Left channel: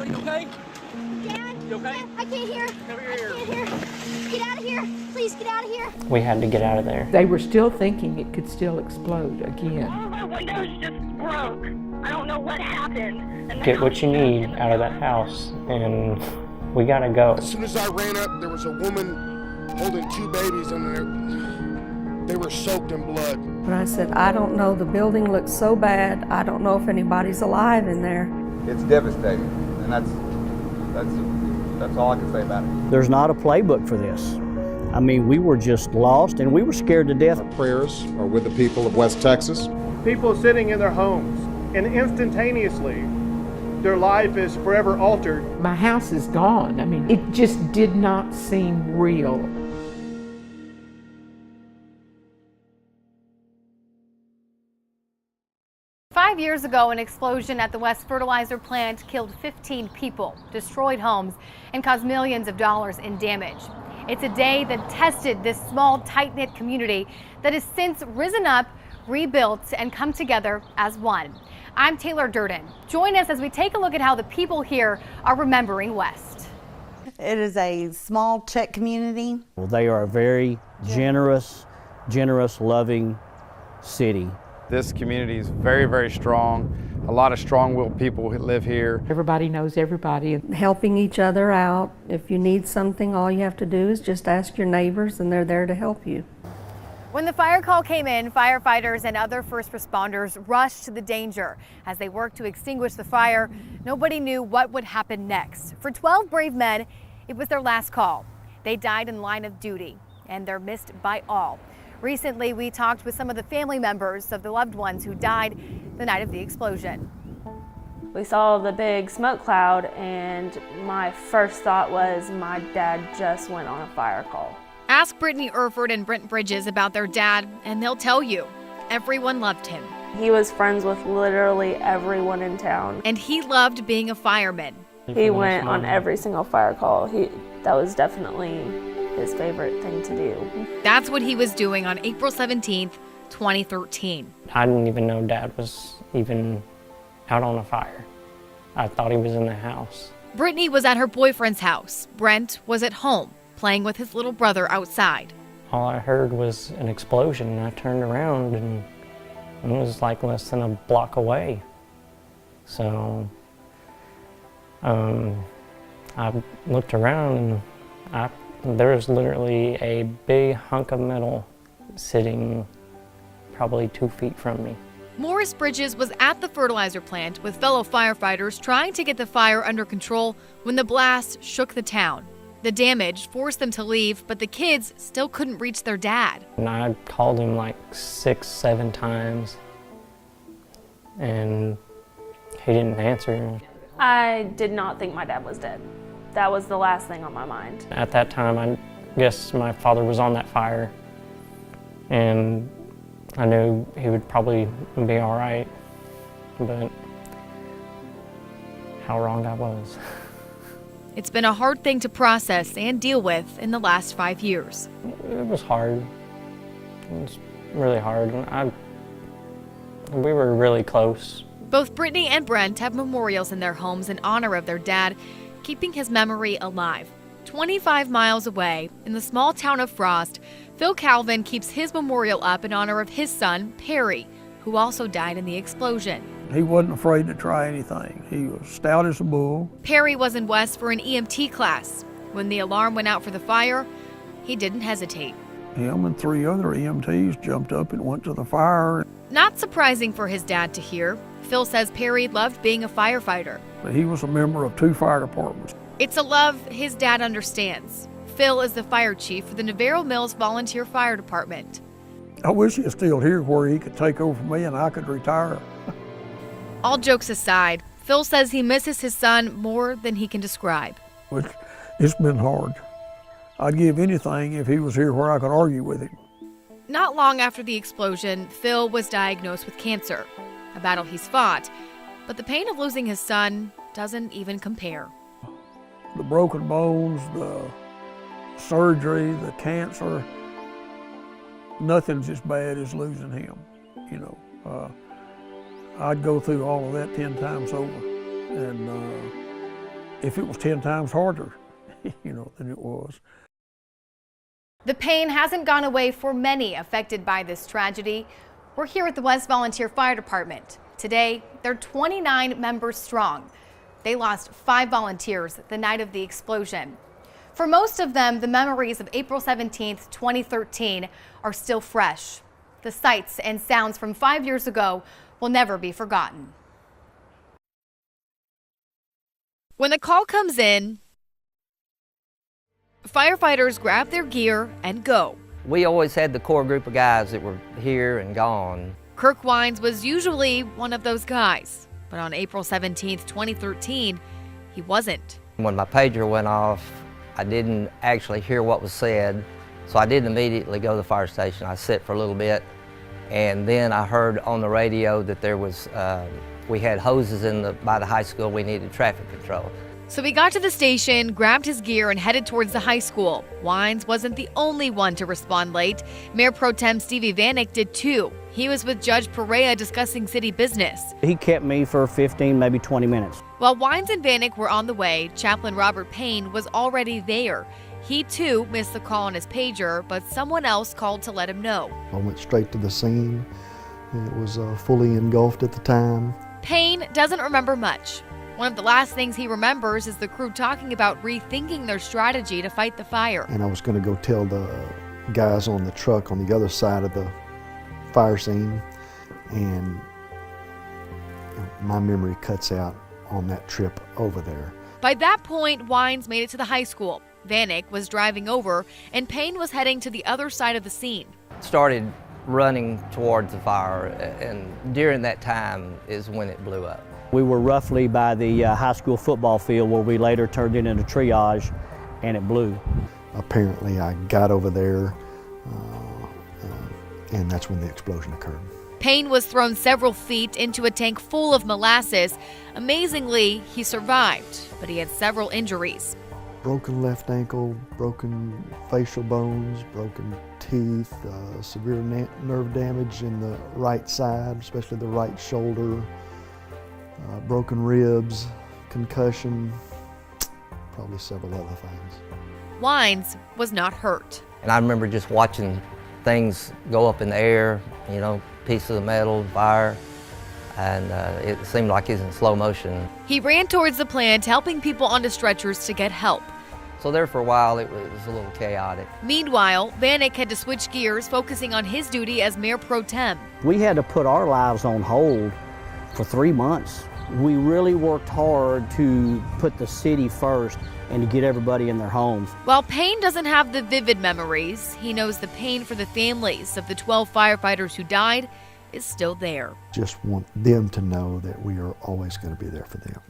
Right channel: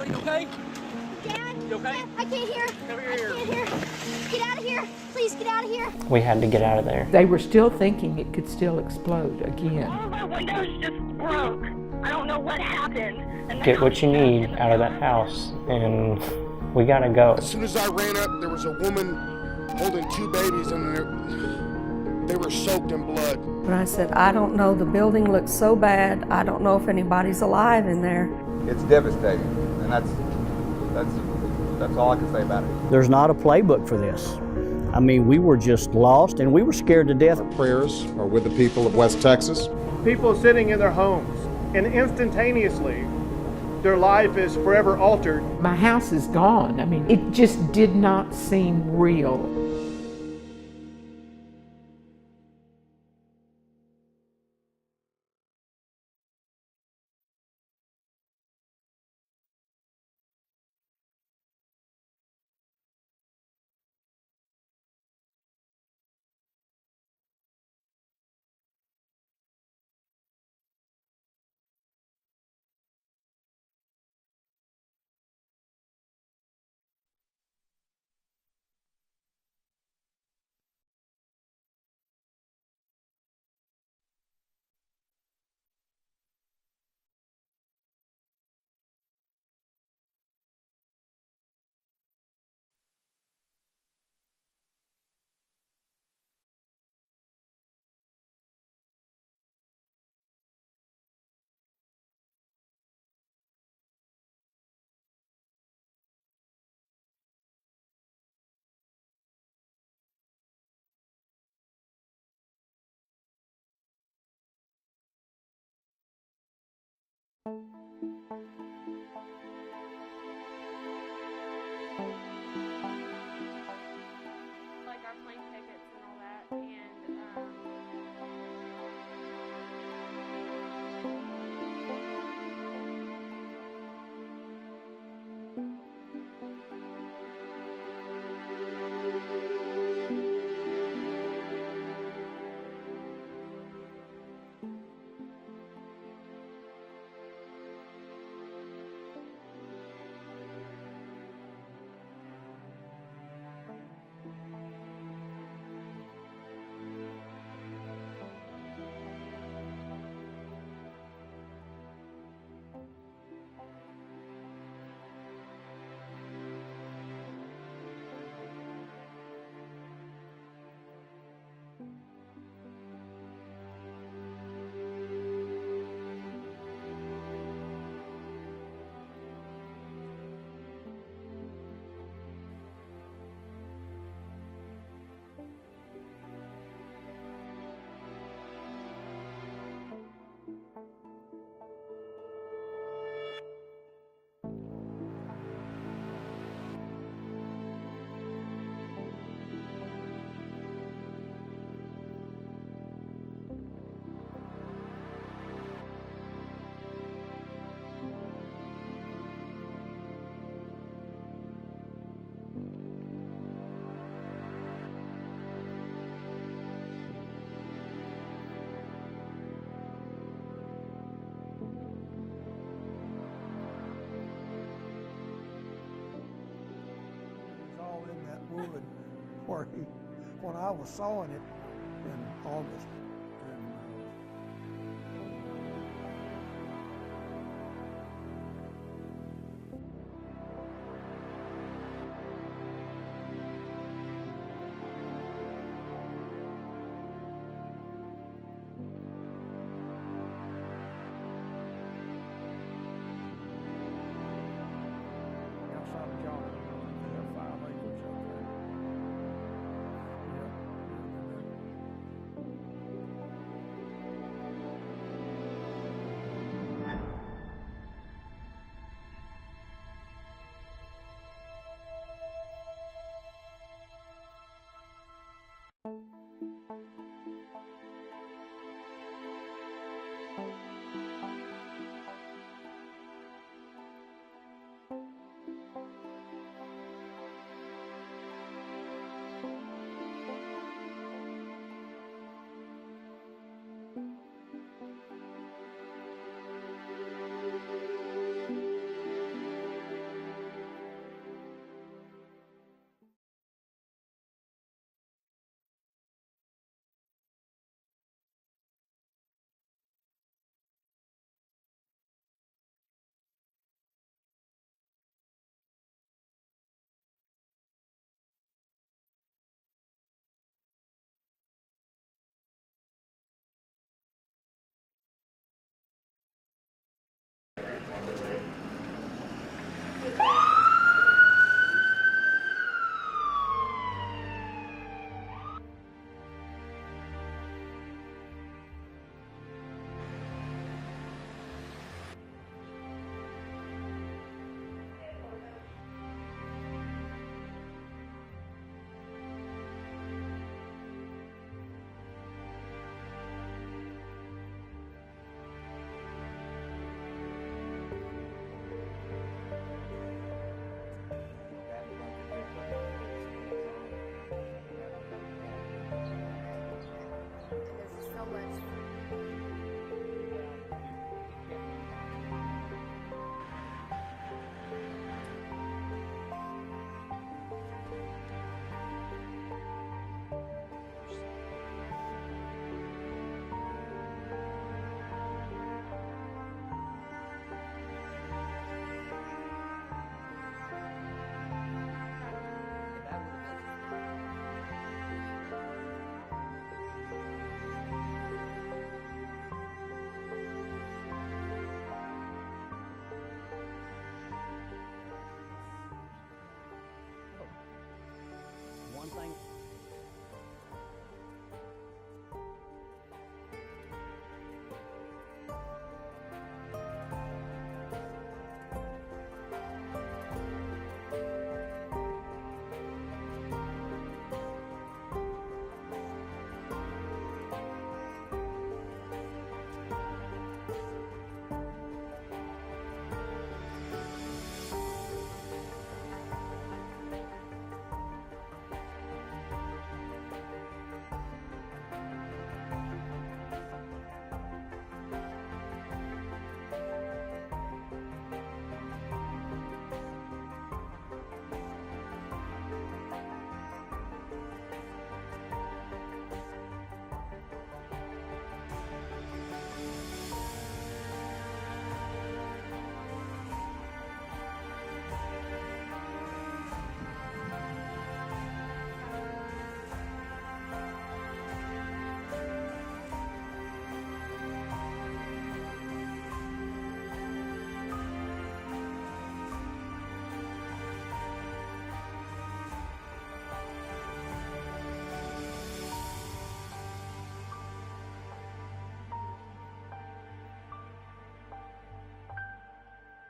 Are you okay? Dad? You okay? Dad, I can't hear. Over here. I can't hear. Get out of here. Please get out of here. We had to get out of there. They were still thinking it could still explode again. All of my windows just broke. I don't know what happened. And Get what you need out of that house, and we gotta go. As soon as I ran up, there was a woman holding 2 babies, and they were soaked in blood. And I said, I don't know, the building looks so bad, I don't know if anybody's alive in there. It's devastating, and that's all I can say about it. There's not a playbook for this. I mean, we were just lost, and we were scared to death. Our prayers are with the people of West Texas. People sitting in their homes, and instantaneously, their life is forever altered. My house is gone. I mean, it just did not seem real. Five years ago, an explosion at the West Fertilizer plant killed 15 people, destroyed homes, and caused millions of dollars in damage. It's a day that tested this small, tight-knit community that has since risen up, rebuilt, and come together as one. I'm Taylor Durden. Join us as we take a look at how the people here are remembering West. It is a small Czech community. Well, they are a very generous, loving city. This community is very, very strong. A lot of strong-willed people who live here. Everybody knows everybody. Helping each other out. If you need something, all you have to do is just ask your neighbors and they're there to help you. When the fire call came in, firefighters and other first responders rushed to the danger. As they worked to extinguish the fire, nobody knew what would happen next. For 12 brave men, it was their last call. They died in line of duty, and they're missed by all. Recently, we talked with some of the family members of the loved ones who died the night of the explosion. We saw the big smoke cloud, and my first thought was my dad just went on a fire call. Ask Brittany Erford and Brent Bridges about their dad, and they'll tell you, everyone loved him. He was friends with literally everyone in town. And he loved being a fireman. He went on every single fire call. That was definitely his favorite thing to do. That's what he was doing on April 17th, 2013. I didn't even know Dad was even out on a fire. I thought he was in the house. Brittany was at her boyfriend's house. Brent was at home, playing with his little brother outside. All I heard was an explosion, and I turned around, and it was like less than a block away. So I looked around, and there was literally a big hunk of metal sitting probably 2 feet from me. Morris Bridges was at the fertilizer plant with fellow firefighters trying to get the fire under control when the blast shook the town. The damage forced them to leave, but the kids still couldn't reach their dad. And I called him like 6, 7 times, and he didn't answer. I did not think my dad was dead. That was the last thing on my mind. At that time, I guess my father was on that fire, and I knew he would probably be all right, but how wrong I was. It's been a hard thing to process and deal with in the last 5 years. It was hard. It was really hard. We were really close. Both Brittany and Brent have memorials in their homes in honor of their dad, keeping his memory alive. 25 miles away, in the small town of Frost, Phil Calvin keeps his memorial up in honor of his son, Perry, who also died in the explosion. He wasn't afraid to try anything. He was stout as a bull. Perry was in West for an EMT class. When the alarm went out for the fire, he didn't hesitate. Him and 3 other EMTs jumped up and went to the fire. Not surprising for his dad to hear. Phil says Perry loved being a firefighter. He was a member of 2 fire departments. It's a love his dad understands. Phil is the fire chief for the Navarro Mills Volunteer Fire Department. I wish he was still here where he could take over for me and I could retire. All jokes aside, Phil says he misses his son more than he can describe. It's been hard. I'd give anything if he was here where I could argue with him. Not long after the explosion, Phil was diagnosed with cancer, a battle he's fought, but the pain of losing his son doesn't even compare. The broken bones, the surgery, the cancer, nothing's as bad as losing him, you know. I'd go through all of that 10 times over, and if it was 10 times harder, than it was. The pain hasn't gone away for many affected by this tragedy. We're here at the West Volunteer Fire Department. Today, they're 29 members strong. They lost 5 volunteers the night of the explosion. For most of them, the memories of April 17th, 2013 are still fresh. The sights and sounds from 5 years ago will never be forgotten. When the call comes in, firefighters grab their gear and go. We always had the core group of guys that were here and gone. Kirk Wines was usually one of those guys, but on April 17th, 2013, he wasn't. When my pager went off, I didn't actually hear what was said, so I didn't immediately go to the fire station. I sat for a little bit, and then I heard on the radio that there was, we had hoses by the high school, we needed traffic control. So he got to the station, grabbed his gear, and headed towards the high school. Wines wasn't the only one to respond late. Mayor Pro Tem Stevie Vanek did too. He was with Judge Perea discussing city business. He kept me for 15, maybe 20 minutes. While Wines and Vanek were on the way, Chaplain Robert Payne was already there. He too missed the call on his pager, but someone else called to let him know. I went straight to the scene. It was fully engulfed at the time. Payne doesn't remember much. One of the last things he remembers is the crew talking about rethinking their strategy to fight the fire. And I was going to go tell the guys on the truck on the other side of the fire scene, and my memory cuts out on that trip over there. By that point, Wines made it to the high school. Vanek was driving over, and Payne was heading to the other side of the scene. Started running towards the fire, and during that time is when it blew up. We were roughly by the high school football field where we later turned it into triage, and it blew. Apparently I got over there, and that's when the explosion occurred. Payne was thrown several feet into a tank full of molasses. Amazingly, he survived, but he had several injuries. Broken left ankle, broken facial bones, broken teeth, severe nerve damage in the right side, especially the right shoulder, broken ribs, concussion, probably several other things. Wines was not hurt. And I remember just watching things go up in the air, pieces of metal, fire, and it seemed like it was in slow motion. He ran towards the plant, helping people onto stretchers to get help. So there for a while, it was a little chaotic. Meanwhile, Vanek had to switch gears, focusing on his duty as Mayor Pro Tem. We had to put our lives on hold for 3 months. We really worked hard to put the city first and to get everybody in their homes. While Payne doesn't have the vivid memories, he knows the pain for the families of the 12 firefighters who died is still there. Just want them to know that we are always going to be there for them.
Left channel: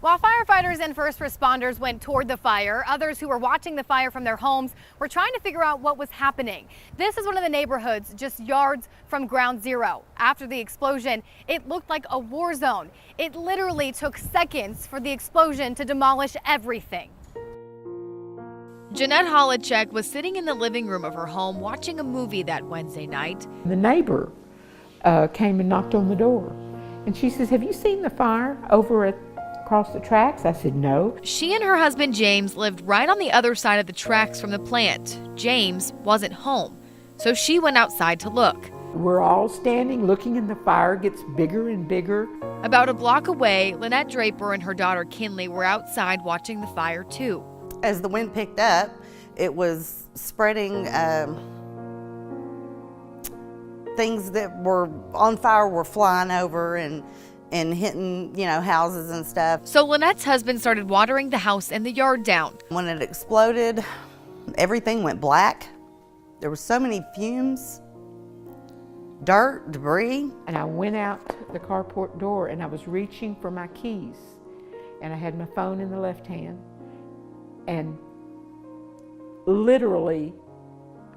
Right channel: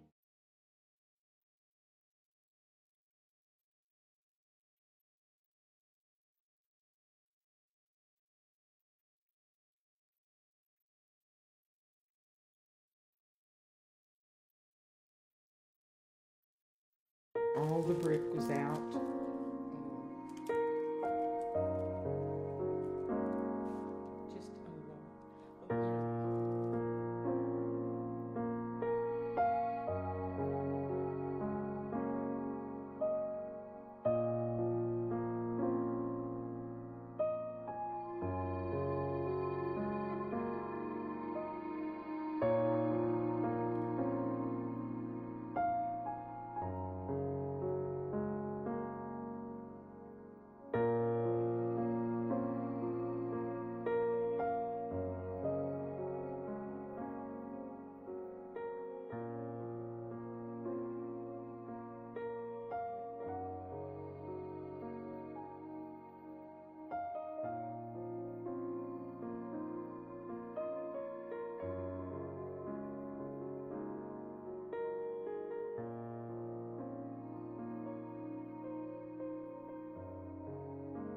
While firefighters and first responders went toward the fire, others who were watching the fire from their homes were trying to figure out what was happening. This is one of the neighborhoods just yards from Ground Zero. After the explosion, it looked like a war zone. It literally took seconds for the explosion to demolish everything. All the brick was out. Jeanette Holacek was sitting in the living room of her home watching a movie that Wednesday night. The neighbor came and knocked on the door, and she says, "Have you seen the fire over across the tracks?" I said, "No." She and her husband James lived right on the other side of the tracks from the plant. James wasn't home, so she went outside to look. We're all standing looking, and the fire gets bigger and bigger. About a block away, Lynette Draper and her daughter Kinley were outside watching the fire too. As the wind picked up, it was spreading. Things that were on fire were flying over and hitting, houses and stuff. So Lynette's husband started watering the house and the yard down. When it exploded, everything went black. There were so many fumes, dirt, debris. And I went out the carport door, and I was reaching for my keys, and I had my phone in the left hand, and literally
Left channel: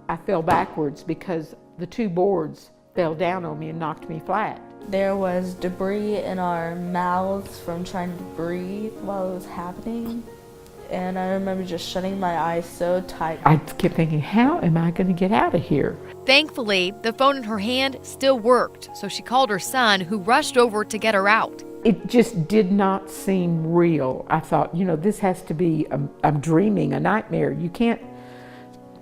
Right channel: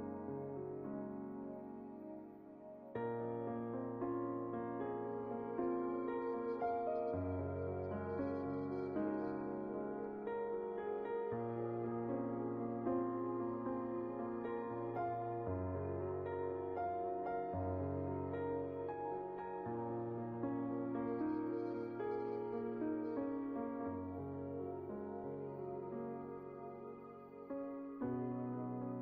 I fell backwards because the two boards fell down on me and knocked me flat. There was debris in our mouths from trying to breathe while it was happening. And I remember just shutting my eyes so tight. I kept thinking, how am I going to get out of here? Thankfully, the phone in her hand still worked, so she called her son, who rushed over to get her out. It just did not seem real. I thought, this has to be, I'm dreaming, a nightmare. You can't,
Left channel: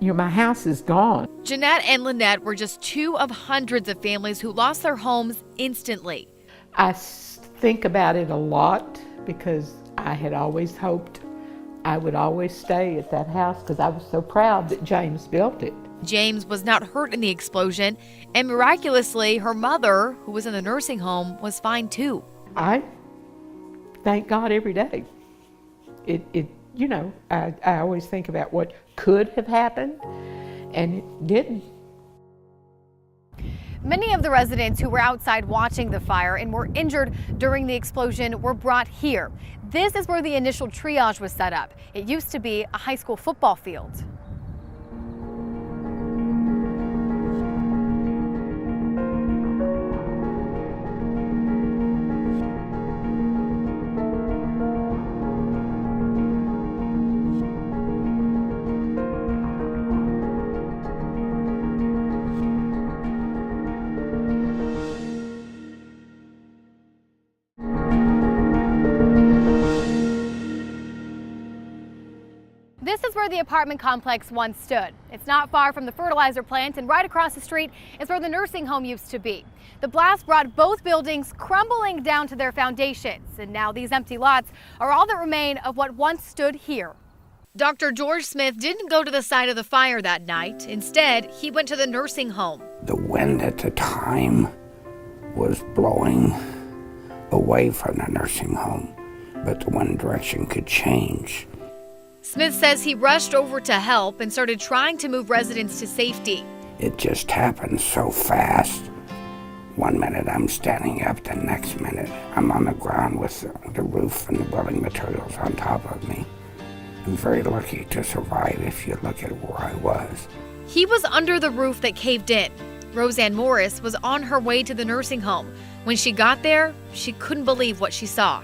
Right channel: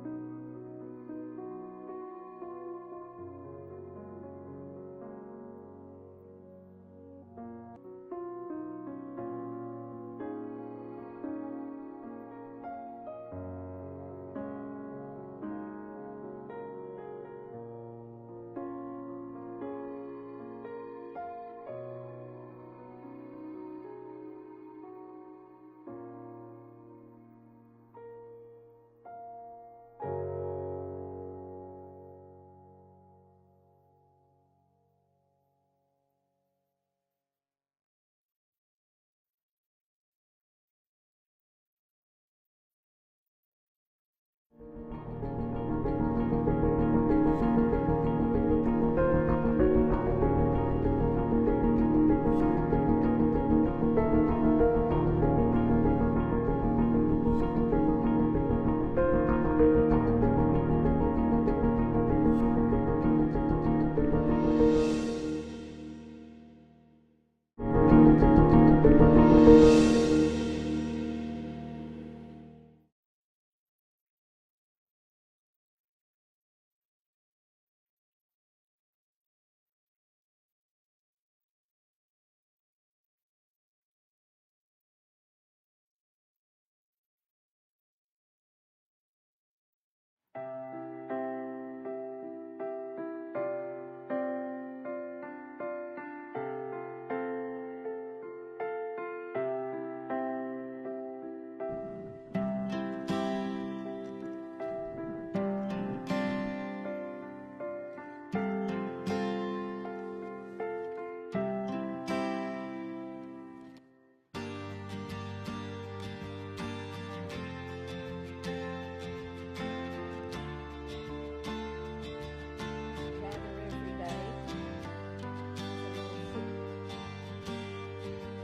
my house is gone. Jeanette and Lynette were just two of hundreds of families who lost their homes instantly. I think about it a lot because I had always hoped I would always stay at that house because I was so proud that James built it. James was not hurt in the explosion, and miraculously, her mother, who was in the nursing home, was fine too. I thank God every day. I always think about what could have happened, and it didn't. Many of the residents who were outside watching the fire and were injured during the explosion were brought here. This is where the initial triage was set up. It used to be a high school football field. This is where the apartment complex once stood. It's not far from the fertilizer plant, and right across the street is where the nursing home used to be. The blast brought both buildings crumbling down to their foundations, and now these empty lots are all that remain of what once stood here. Dr. George Smith didn't go to the site of the fire that night. Instead, he went to the nursing home. The wind at the time was blowing away from the nursing home, but the wind direction could change. Smith says he rushed over to help and started trying to move residents to safety. It just happened so fast. 1 minute I'm standing up, the next minute I'm on the ground with the roof and the building materials on top of me. I'm very lucky to survive if you look at where I was. He was under the roof that caved in. Roseanne Morris was on her way to the nursing home. When she got there, she couldn't believe what she saw.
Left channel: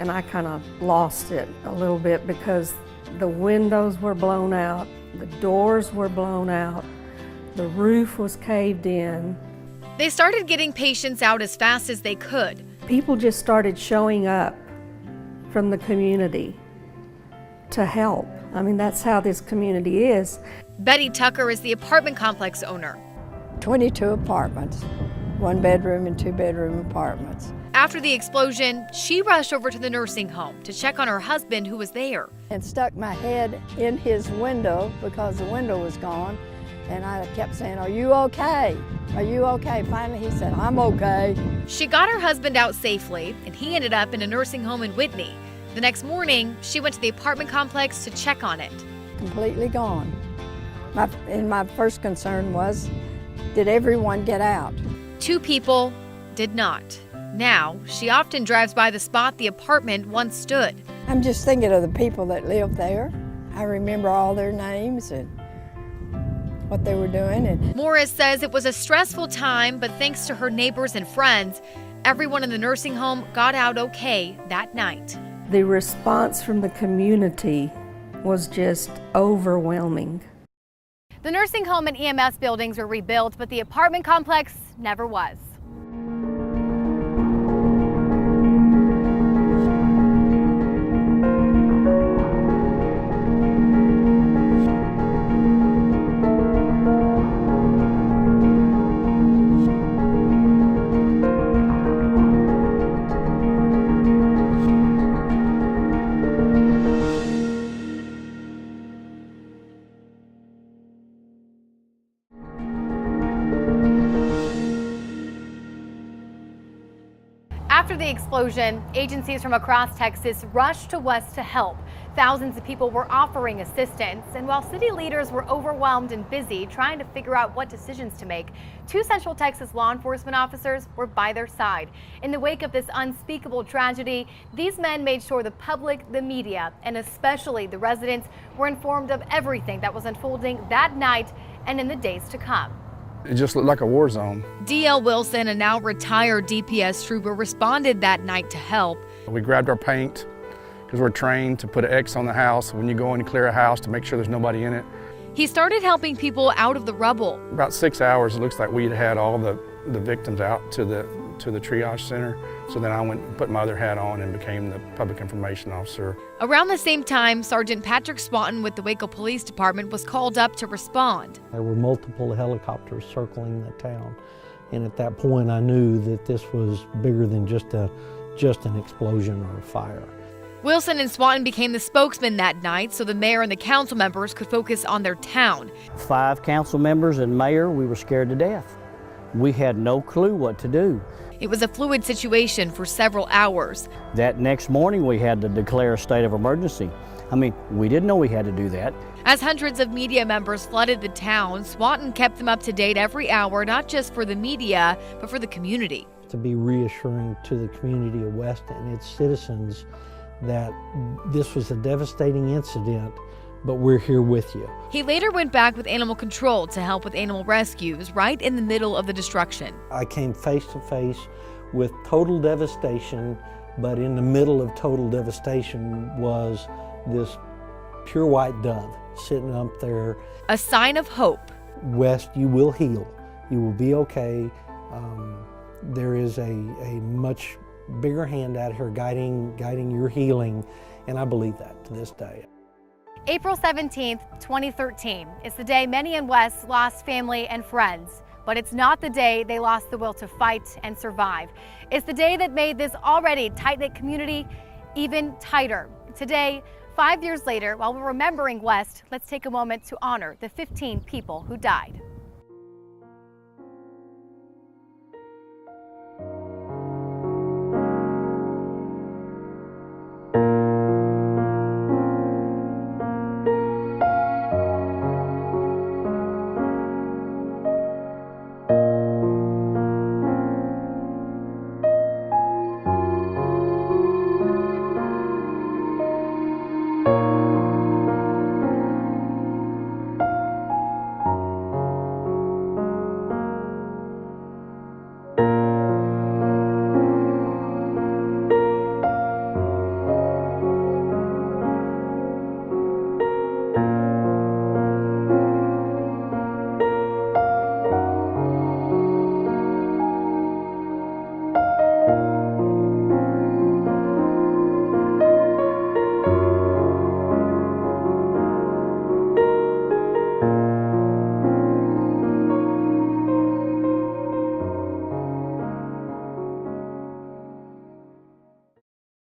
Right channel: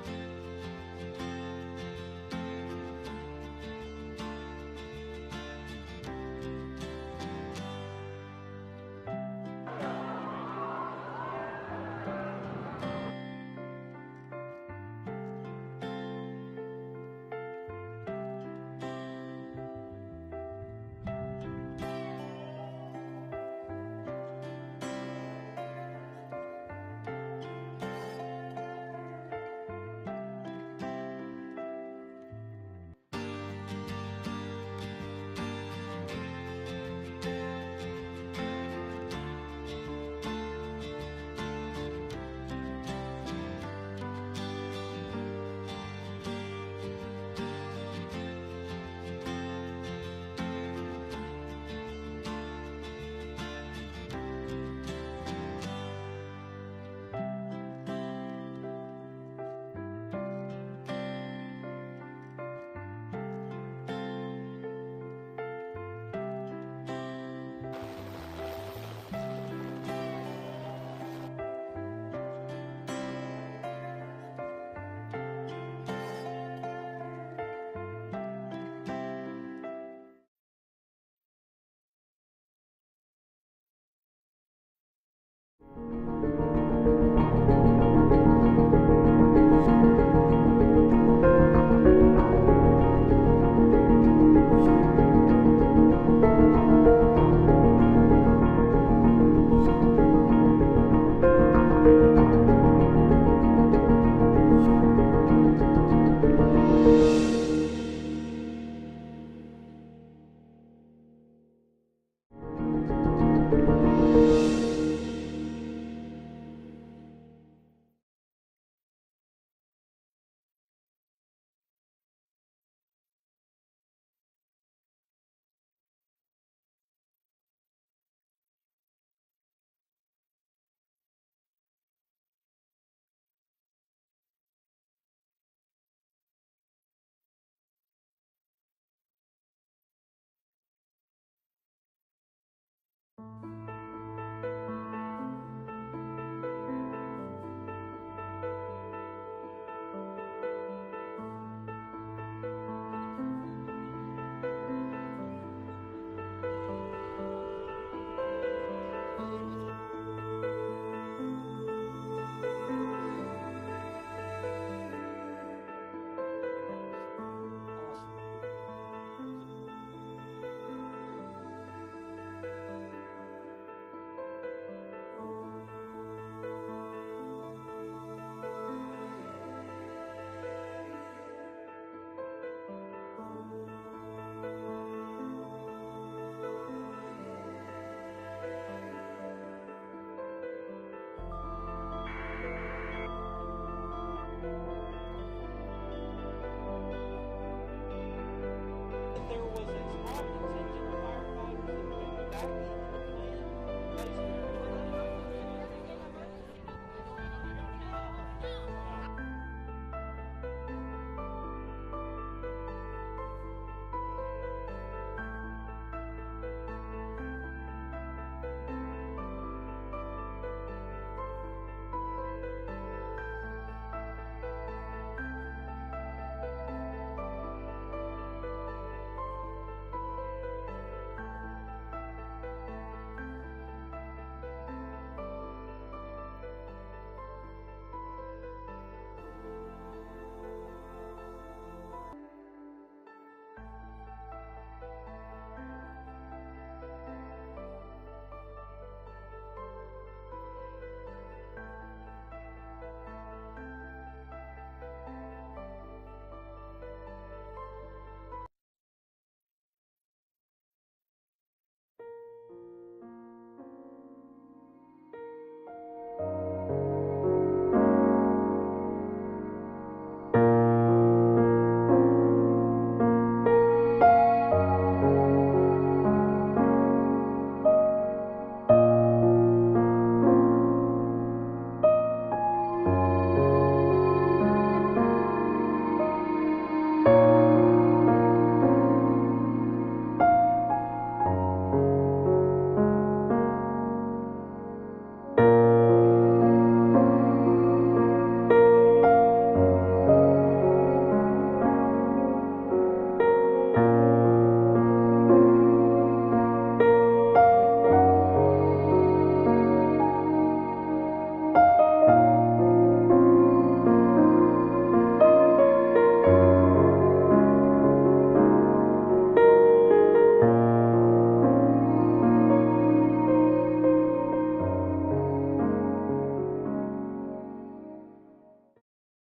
And I kind of lost it a little bit because the windows were blown out, the doors were blown out, the roof was caved in. They started getting patients out as fast as they could. People just started showing up from the community to help. I mean, that's how this community is. Betty Tucker is the apartment complex owner. 22 apartments, 1-bedroom and 2-bedroom apartments. After the explosion, she rushed over to the nursing home to check on her husband, who was there. And stuck my head in his window because the window was gone. And I kept saying, "Are you okay? Are you okay?" Finally, he said, "I'm okay." She got her husband out safely, and he ended up in a nursing home in Whitney. The next morning, she went to the apartment complex to check on it. Completely gone. My first concern was, did everyone get out? 2 people did not. Now, she often drives by the spot the apartment once stood. I'm just thinking of the people that lived there. I remember all their names and what they were doing. And Morris says it was a stressful time, but thanks to her neighbors and friends, everyone in the nursing home got out okay that night. The response from the community was just overwhelming. The nursing home and EMS buildings were rebuilt, but the apartment complex never was. After the explosion, agencies from across Texas rushed to West to help. Thousands of people were offering assistance, and while city leaders were overwhelmed and busy trying to figure out what decisions to make, 2 Central Texas law enforcement officers were by their side. In the wake of this unspeakable tragedy, these men made sure the public, the media, and especially the residents were informed of everything that was unfolding that night and in the days to come. It just looked like a war zone. D.L. Wilson, a now retired DPS trooper, responded that night to help. We grabbed our paint because we're trained to put an X on the house when you go in to clear a house to make sure there's nobody in it. He started helping people out of the rubble. About 6 hours, it looks like we'd had all the victims out to the triage center. So then I went and put my other hat on and became the public information officer. Around the same time, Sergeant Patrick Swanton with the Waco Police Department was called up to respond. There were multiple helicopters circling the town, and at that point I knew that this was bigger than just an explosion or a fire. Wilson and Swanton became the spokesman that night so the mayor and the council members could focus on their town. 5 council members and mayor, we were scared to death. We had no clue what to do. It was a fluid situation for several hours. That next morning we had to declare a state of emergency. I mean, we didn't know we had to do that. As hundreds of media members flooded the town, Swanton kept them up to date every hour, not just for the media, but for the community. To be reassuring to the community of West and its citizens that this was a devastating incident, but we're here with you. He later went back with animal control to help with animal rescues right in the middle of the destruction. I came face to face with total devastation, but in the middle of total devastation was this pure white dove sitting up there. A sign of hope. West, you will heal. You will be okay. There is a much bigger hand out here guiding your healing, and I believe that to this day. April 17th, 2013 is the day many in West lost family and friends, but it's not the day they lost the will to fight and survive. It's the day that made this already tight-knit community even tighter. Today, 5 years later, while we're remembering West, let's take a moment to honor the 15 people who died.